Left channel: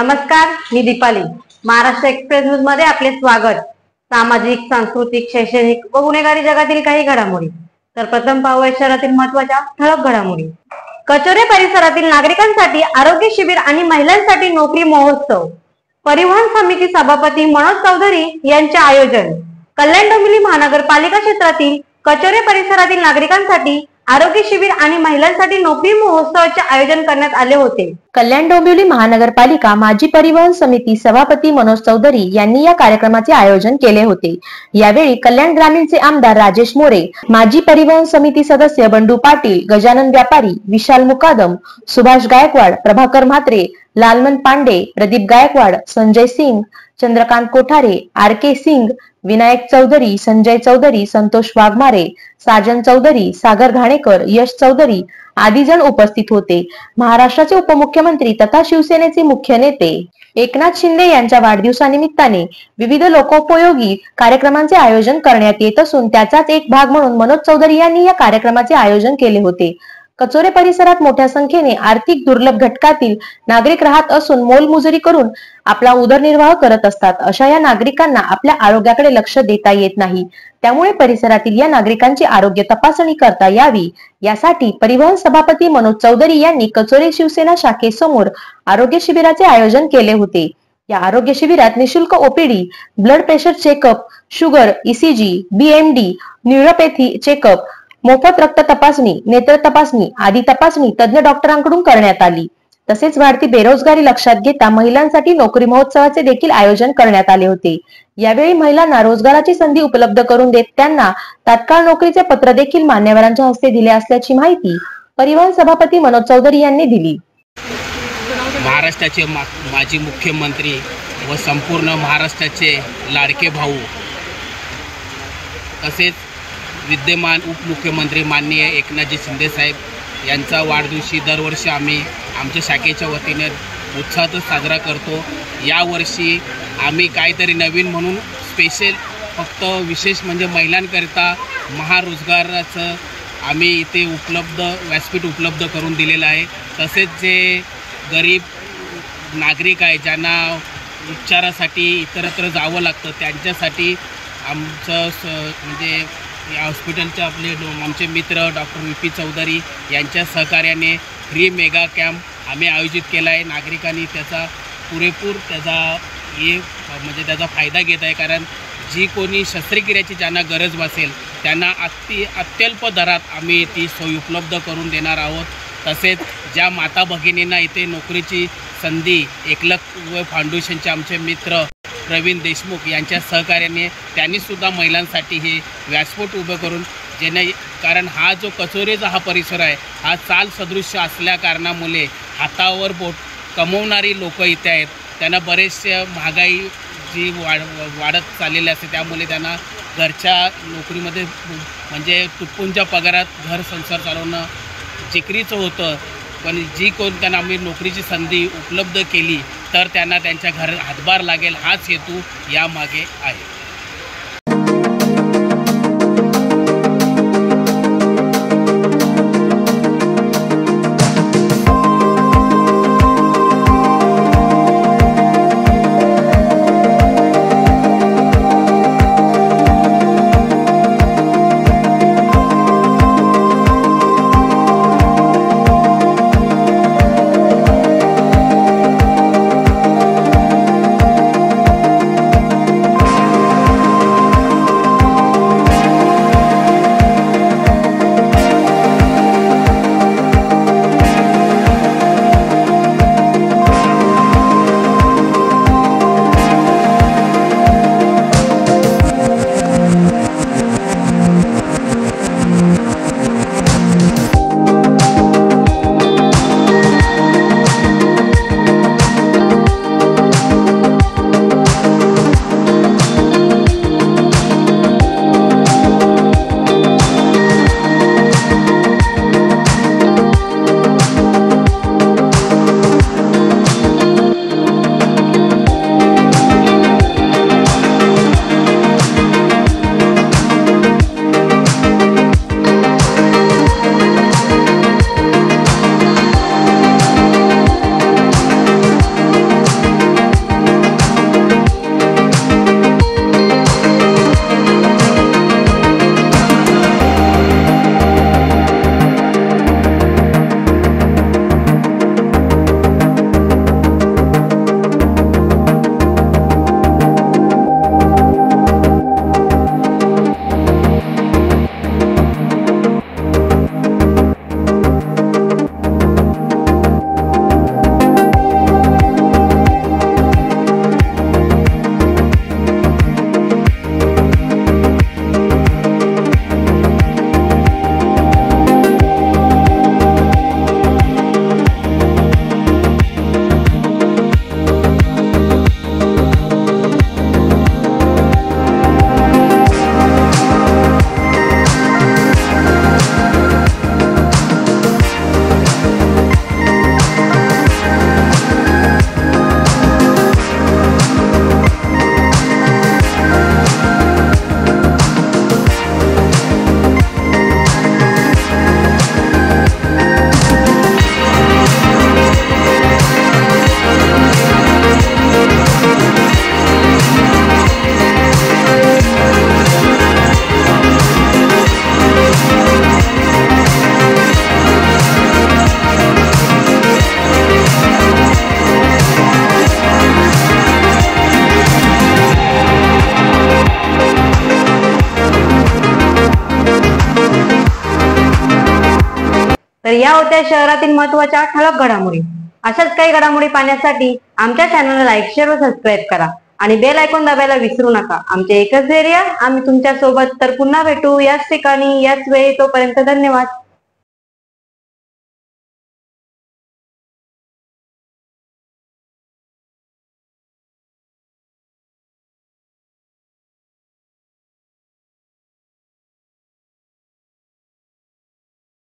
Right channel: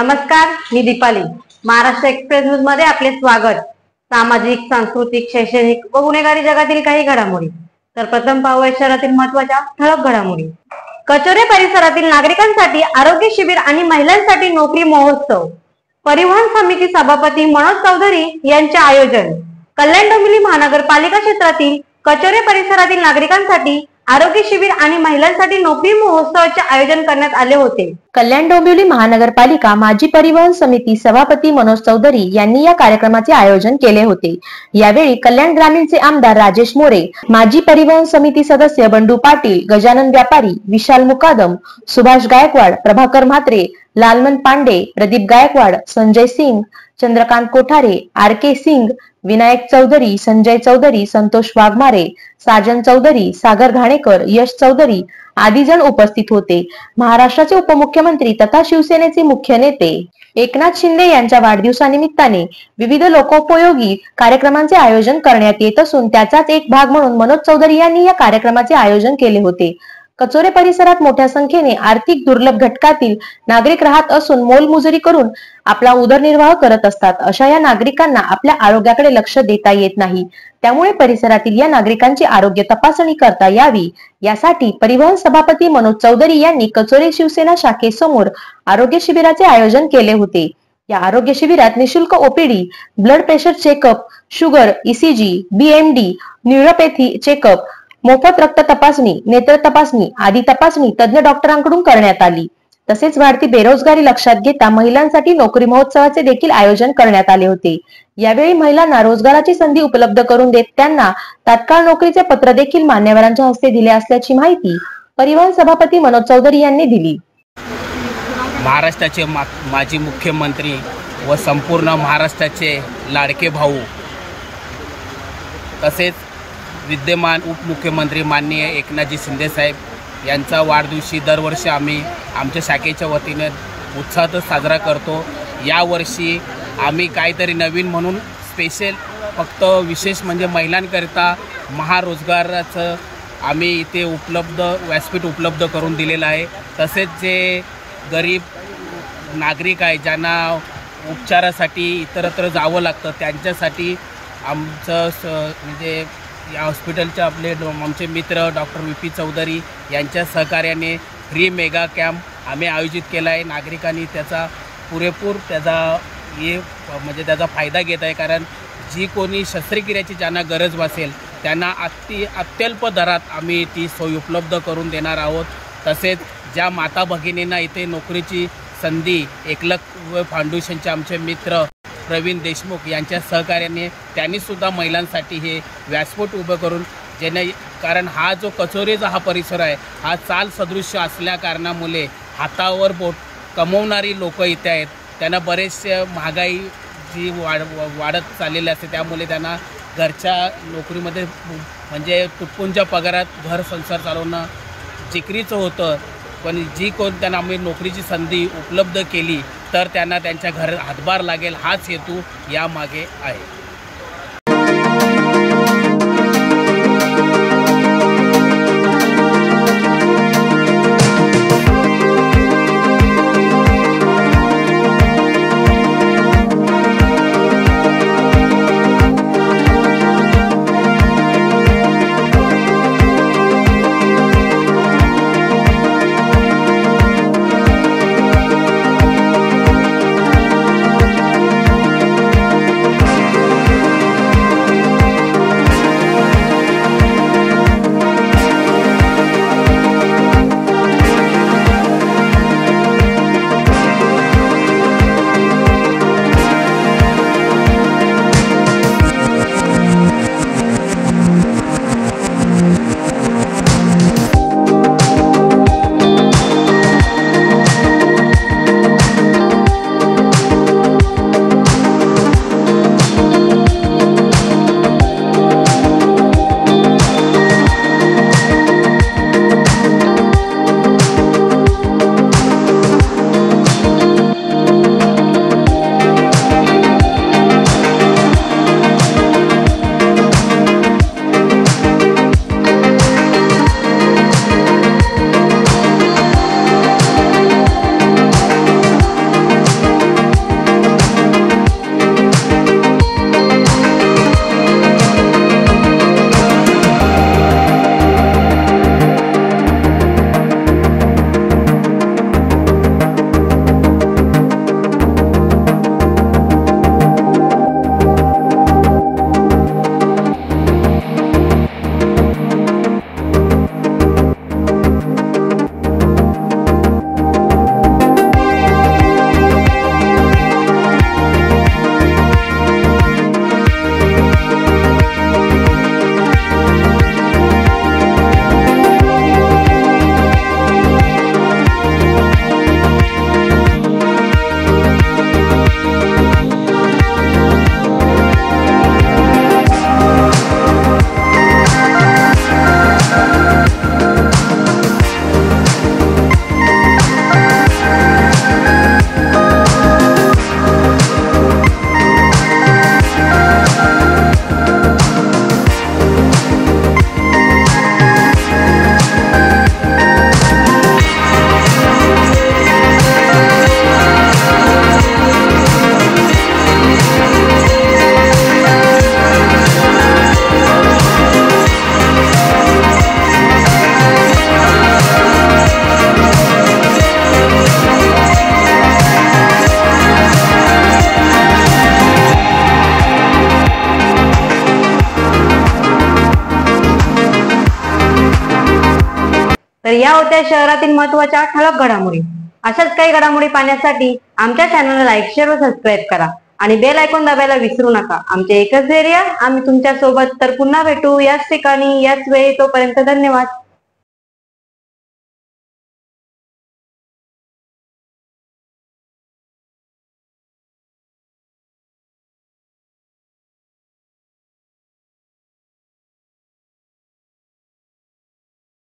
नमस्कार, मी Deepali. Maharashtra express news मध्ये आपले स्वागत. सामाजिक, सांस्कृतिक, शैक्षणिक व गुन्हेगारी जगातील काही घडामोडी. तर प्रथम पाहूया शहरातील महत्त्वाच्या ठळक घडामोडी. कचोरे परिसरातील नागरिकांसाठी आरोग्य शिबिर आणि महिलांसाठी नोकरी महोत्सव. परिवहन समिती सभापती मनोज चौधरी यांचे आयोजन. कल्याण डोंबिवली महानगरपालिका क्षेत्रातील कचोरे परिसरातील नागरिकांसाठी आरोग्य शिबिर आणि महिलांसाठी नोकरी महोत्सवाचे आयोजन करण्यात आले होते. कल्याण डोंबिवली महानगरपालिका माजी परिवहन समिती सभापती मनोज चौधरी यांनी या कार्यक्रमाचे आयोजन केले होते. यावेळी कल्याण ग्रामीणचे आमदार राजेश मोरे, माजी परिवहन समिती सदस्य बंडू पाटील, गजानन व्यापारी, विशाल मुकादम, सुभाष गायकवाड, प्रभाकर म्हात्रे, लालमन पांडे, प्रदीप गायकवाड, संजय सिंग, चंद्रकांत कोठारे, आर के सिंग, विनायक चौधरी, संजय चौधरी, संतोष वाघमारे, साजन चौधरी, सागर घाणेकर, यश चौधरी आदी जण उपस्थित होते. महाराष्ट्राचे उपमुख्यमंत्री तथा शिवसेनेचे मुख्य नेते एकनाथ शिंदे यांच्या वाढदिवसानिमित्ताने विविध लोकोपयोगी कार्यक्रमांचे आयोजन करण्यात येत असून त्याचाच एक भाग म्हणून मनोज चौधरी यांनी या कार्यक्रमाचे आयोजन केले होते. कचोरे परिसरात मोठ्या संख्येने आर्थिक दुर्लभ घटकातील नागरिक राहत असून मोलमजुरी करून आपला उदरनिर्वाह करत असतात. अशा या नागरिकांना आपल्या आरोग्याकडे लक्ष देता येत नाही. त्यामुळे परिसरातील या नागरिकांची आरोग्य तपासणी करता यावी यासाठी परिवहन सभापती मनोज चौधरी यांनी कचोरे शिवसेना शाखेसमोर आरोग्य शिबिराचे आयोजन केले होते. या आरोग्य शिबिरात निशुल्क OPD, blood pressure checkup, sugar, ECG, BMD, neuropathy checkup, मोफत रक्त तपासणी, नेत्र तपासणी आदी तपासणी तज्ञ डॉक्टरांकडून करण्यात आली. तसेच वाढती बेरोजगारी लक्षात घेता महिलांसाठी नोकरी महोत्सवाचे देखील आयोजन करण्यात आले होते. यावेळी महिलांना रोजगाराची संधी उपलब्ध करून देत त्यांना तात्काळ नोकरीचे पत्र देखील मान्यवरांच्या हस्ते दिले असल्याची माहिती परिवहन सभापती मनोज चौधरी यांनी दिली. महाराष्ट्राचे माजी मुख्यमंत्री व संपूर्ण महाराष्ट्राचे लाडके भाऊ तसेच विद्यमान उपमुख्यमंत्री माननीय एकनाथजी शिंदे साहेब यांचा वाढदिवशी दरवर्षी आम्ही आमच्या शाखेच्या वतीने उत्साहातच साजरा करतो. यावर्षी आम्ही काहीतरी नवीन म्हणून स्पेशल फक्त विशेष म्हणजे महिलांकरिता महारोजगाराचं आम्ही इथे व्यासपीठ उपलब्ध करून दिलेलं आहे. तसेच जे गरीब नागरिक आहे ज्यांना उपचारासाठी इतरत्र जावं लागतं त्यांच्यासाठी आमचं म्हणजे या हॉस्पिटलचे आमचे मित्र डॉक्टर व्ही पी चौधरी यांच्या सहकार्याने फ्री मेगा कॅम्प आम्ही आयोजित केला आहे. नागरिकांनी त्याचा पुरेपूर त्याचा फायदा घेत आहे. कारण जी कोणी शस्त्रक्रियेची ज्यांना गरज भासेल त्यांना अत्यल्प दरात आम्ही ती सोय उपलब्ध करून देणार आहोत. तसेच ज्या माता भगिनींना इथे नोकरीची संधी एकलव्य फाउंडेशनचे आमचे मित्र प्रवीण देशमुख यांच्या सहकार्याने त्यांनीसुद्धा महिलांसाठी हे व्यासपीठ उभं करून कारण हा जो कचोरेचा हा परिसर आहे हा चाल सदृश्य असल्या कारणामुळे हातावर बोट कमवणारी लोक इथे आहेत. त्यांना बरेचसे महागाई जी वाढत चाललेली असते त्यामुळे त्यांना घरच्या नोकरीमध्ये म्हणजे तुटपुंच्या पगारात घर संसार चालवणं जिकरीचं होतं. पण त्यांना आम्ही नोकरीची संधी उपलब्ध केली तर त्यांना त्यांच्या घर हातभार लागेल हाच हेतू यामागे आहे. तर या होत्या शहरातील महत्त्वाच्या ठळक घडामोडी. अशाच काही घडामोडी पाहण्यासाठी आमच्या चॅनलला लाईक, शेअर व सबस्क्राईब करा आणि बेल आयकॉन दाबायला विसरू नका. आमचे एकच ध्येय, आम्ही तुमच्या सोबत. तर पुन्हा भेटू याच ठिकाणी याच वेळी. तोपर्यंत धन्यवाद.